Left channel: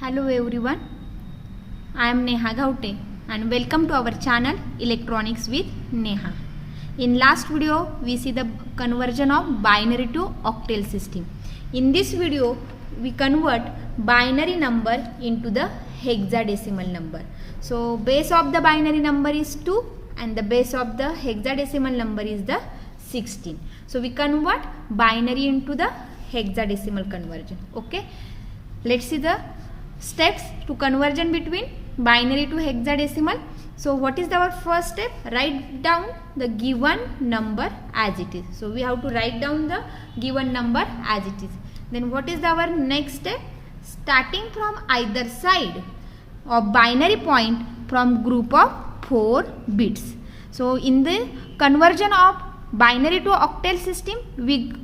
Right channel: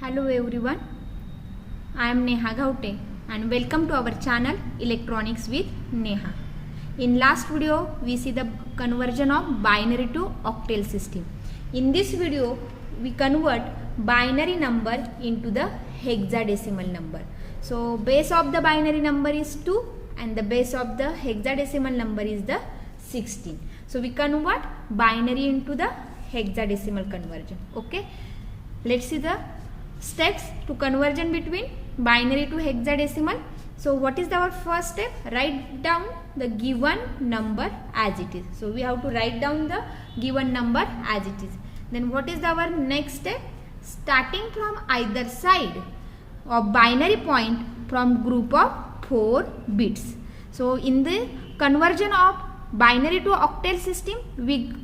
Hello everyone, I am Neha Gaute and welcome to our channel Electronics with Neha. In last video we see the conversion of binary to octal system. In this video we convert binary number into the hexadecimal number. So base of the binary number is 2 and the base of the hexadecimal number is the 16. So we convert binary into the hexadecimal conversion. Okay, let's see the steps to conversion between binary to hexadecimal. So what is our first step? Write down the given number as it is. So we have to write down the given number as it is. Then what is our next step? Starting from either side of binary point from group of 4 bits. So in the conversion of binary to octal system we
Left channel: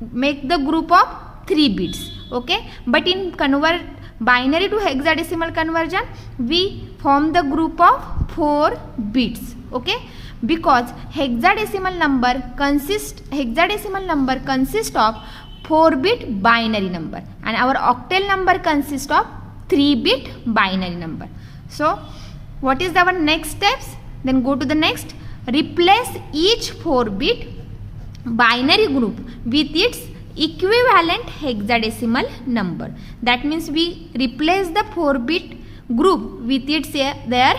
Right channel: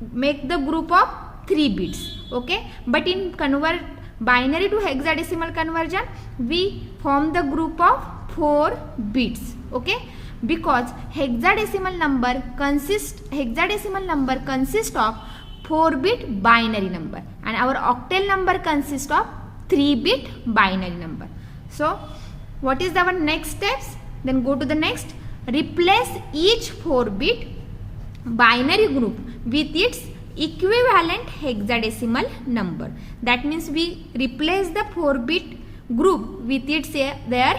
make the group of 3 bits. Okay, but in convert binary to hexadecimal conversion we form the group of 4 bits. Okay, because hexadecimal number consists of 4-bit binary number and our octal number consists of 3-bit binary number. So what is our next steps? Then go to the next. Replace each 4-bit binary group with its equivalent hexadecimal number. That means we replace the 4-bit group with its their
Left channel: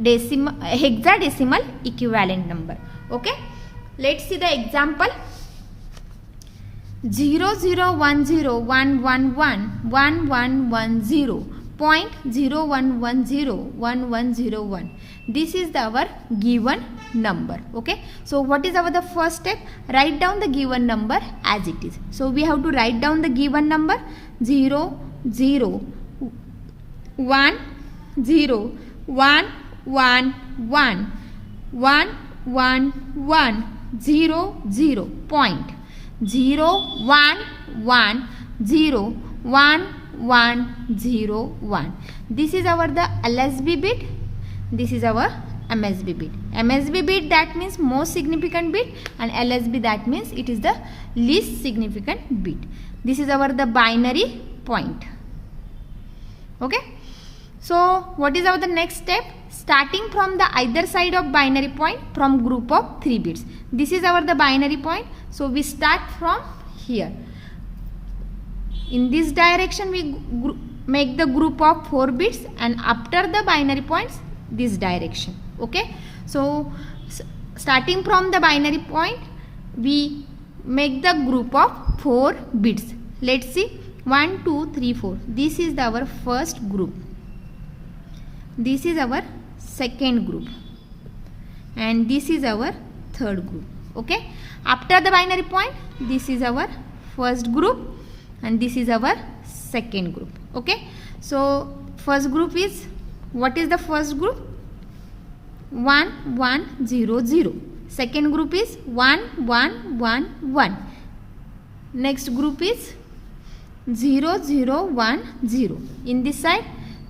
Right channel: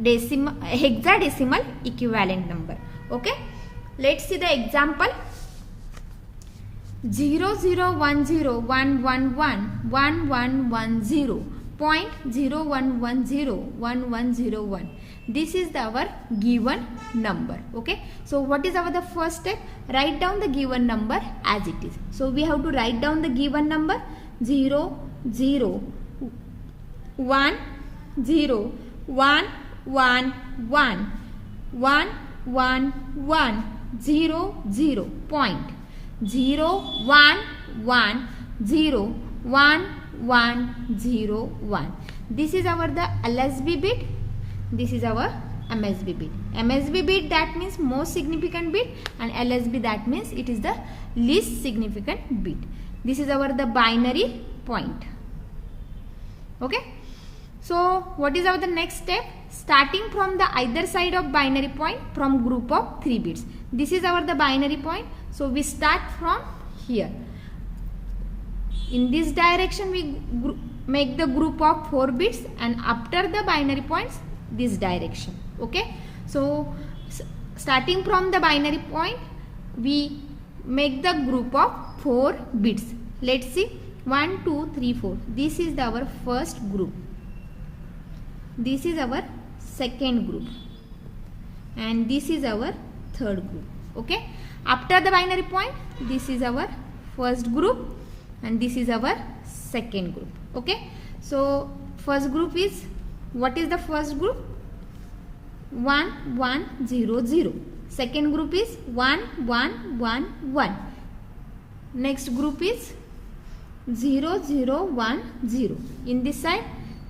hexadecimal equivalent number. Okay, let's see the example. 0010111110.01101101. This is our given number. Okay, so what is the first step? Write down the given number as it is. So we have to write down the given number 0 0 1 0 1 1 1 1 1 1 0 0 point 0 1 1 0 1 1 0 1. This is our the LSB bit. This is our MSB bit. MSB bit that means most significant bit and LSB that means it is the least significant bit. This is our the binary point. Okay, so what is our the next step? Starting from the either side of binary point from group of 3 bits. This is our the binary point. So we start from here. In this direction we make the group of 4 bits and after the binary points this direction. Okay, so starting from the binary point we make the group of 4 bits. Let's see, 1 2 3 4. This is our first group, this is our second group and this is our third group. Okay, after the binary point this is our first group and this is our second group. Okay, so first group is, what is the first group? 1 1 0 0. Second group is 1 1 1 1. Next group is 0 0 1 0. In this side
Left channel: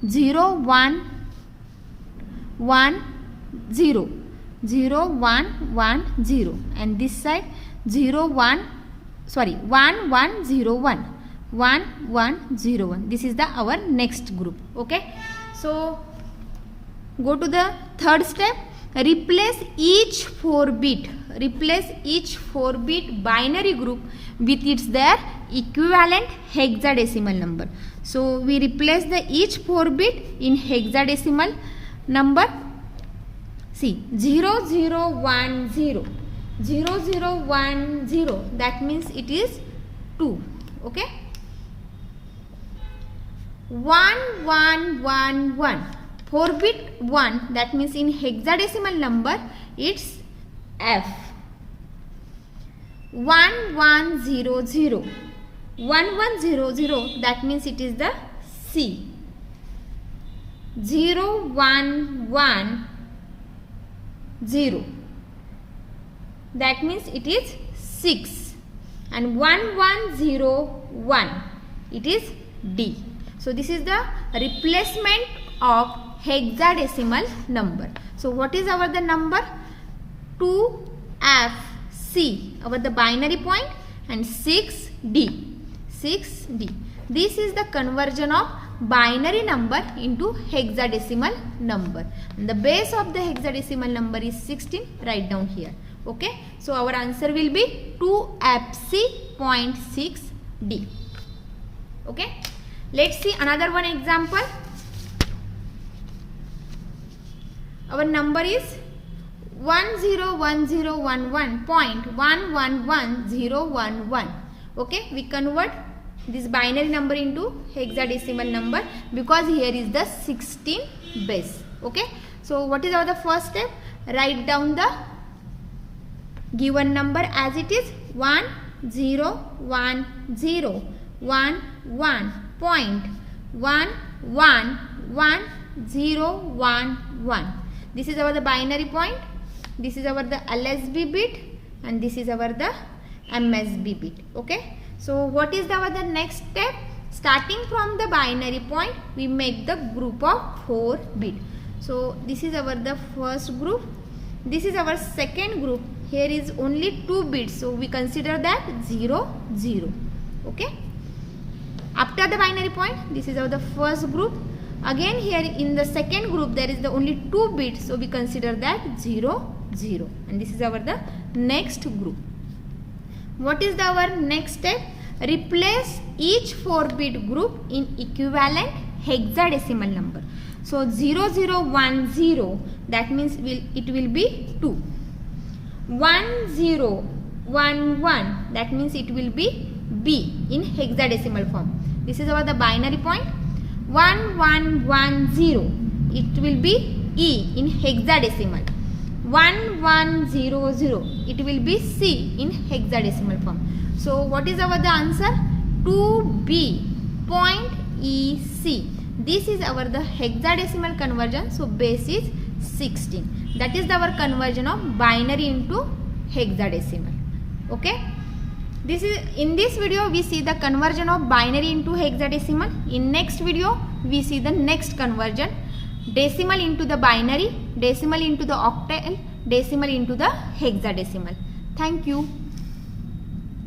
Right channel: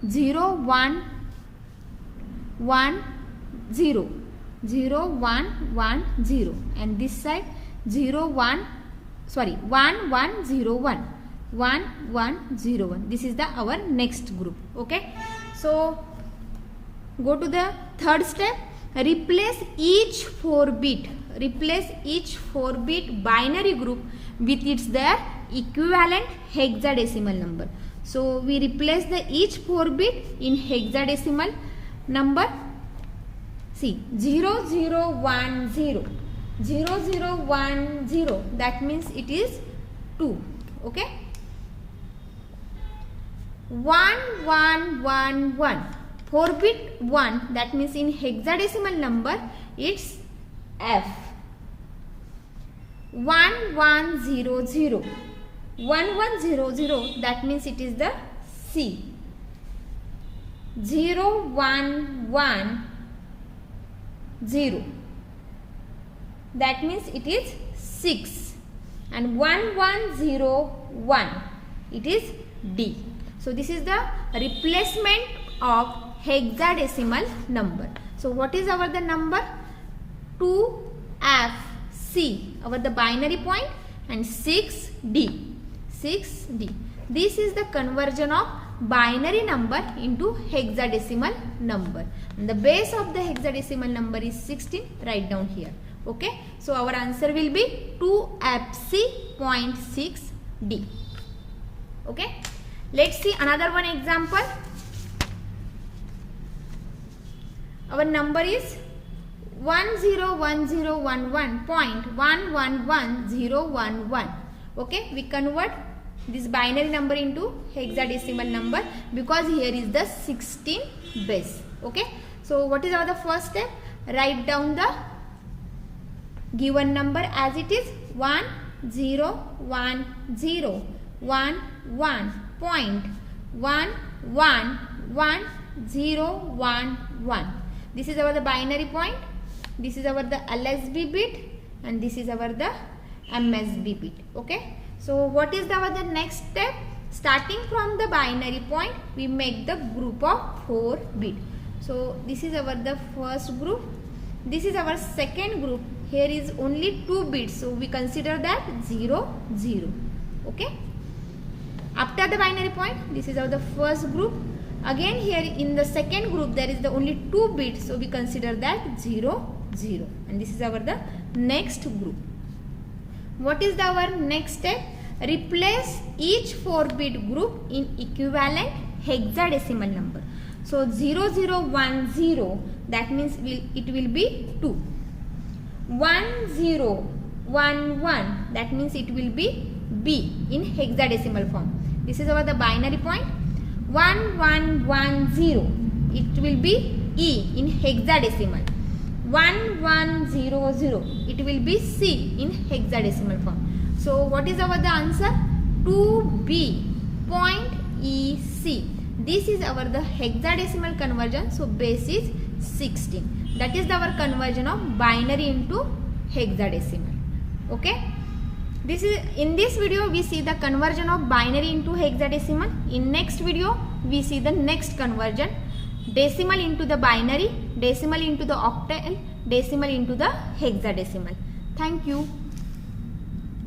0 1 1 0 0 1 1 0 and this side 1 1 0 1 1 1 0 1. This is the our next group. Okay, so go to the third step. Replace each 4-bit binary group with its their equivalent hexadecimal number. So we replace the each 4-bit in hexadecimal number. See, 0 0 1 0 0 0 1 0, that means it is 2. Okay, 1 1 1 1, 4-bit 1, that means in hexadecimal number it's F. 1 1 0 0 1 1 0 0, that means it is the C. 0 1 1 0, that means it is 6 and 1 1 0 1, it is D. So this is the replacement of hexadecimal number. So what is our the number? 2FC, our the binary point, and 6D. 6D. This is the conversion of binary number into hexadecimal number. And the base of the hexadecimal number is 16. Write down here. Okay. So our answer will be 2FC.6D. Okay. Let's see another one example. Our number is 101011.111011. Okay, we convert this binary number into hexadecimal number because here is the 16 base. Okay, so what is our the first step? Write down the given number as it is 101011.111011. This is our the binary point. This is our the LSB bit and this is our the MSB bit. Okay. So what is our the next step? Starting from the binary point, we make the group of 4 bit. So this is our the first group. This is our second group. Here is only 2 bits. So we consider that 0 0. Okay. After the binary point, this is our the first group. Again here in the second group there is the only 2 bits, so we consider that 0 0, and this is our the next group. What is our next step? Replace each 4-bit group in equivalent hexadecimal number. So 0010, that means it will be 2. 1011, that means it will be B in hexadecimal form. This is our the binary point. 1110, it will be E in hexadecimal. 1100, it will be C in hexadecimal form. So what is our the answer? 2B point EC. This is our the hexadecimal conversion. So base is 16. That is our conversion of binary into hexadecimal. Okay. This is in this video we see the conversion of binary into hexadecimal. In next video we see the next conversion, decimal into the binary, decimal into the octal, decimal into the hexadecimal. Thank you.